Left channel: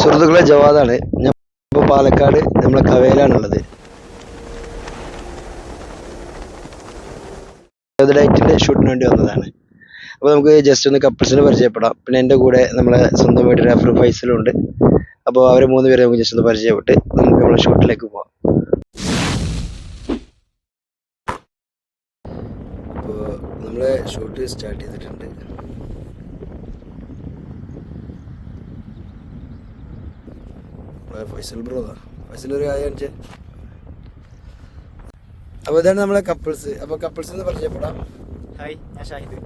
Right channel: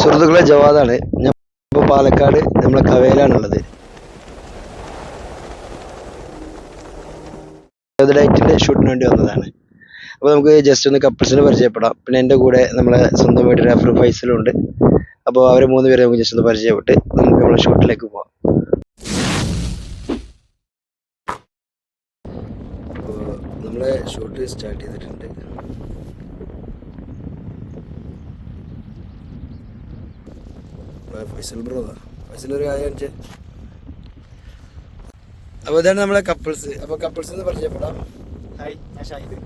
സുഹൃത്തുക്കളെ, ജവാദാണ്. ഞാൻ ഇപ്പോൾ പാലക്കാട് നമ്മളെ കവയിലാണുള്ളത്. ഡയറ്റിൻ്റെ ഷൂട്ടിന് വേണ്ടി വന്നതാണ്. അപ്പോൾ നമുക്ക് ജസ്റ്റ് ഒന്ന് കപ്പിൾസിനെ പരിചയപ്പെടാം. പിന്നെ എൻ്റെ കൂടെ നമ്മളെ സ്വന്തമായിട്ട് റഫർ ഫൈസലുണ്ട്. അപ്പോൾ അവരെ 3 പേരെ നമുക്ക് ജസ്റ്റ് ഒന്ന് പരിചയപ്പെട്ട് നമുക്ക് നമ്മളെ ഷൂട്ടിലേക്ക് പോകാം. അപ്പോൾ നമ്മളെ ഷൂട്ട് സ്റ്റാർട്ട് ചെയ്തിട്ടുണ്ട്. ഫൈസൽ ബ്രോതാ, ഫൈസൽ ഒരു കാര്യം കാണിച്ചേ. അപ്പോൾ ഇതാണ് നമ്മളെ കപ്പിൾസ്. അപ്പോൾ കപ്പിൾസിന് പരിചയപ്പെടാം. ഹായ്, ഞാൻ ഷാഹിദ്.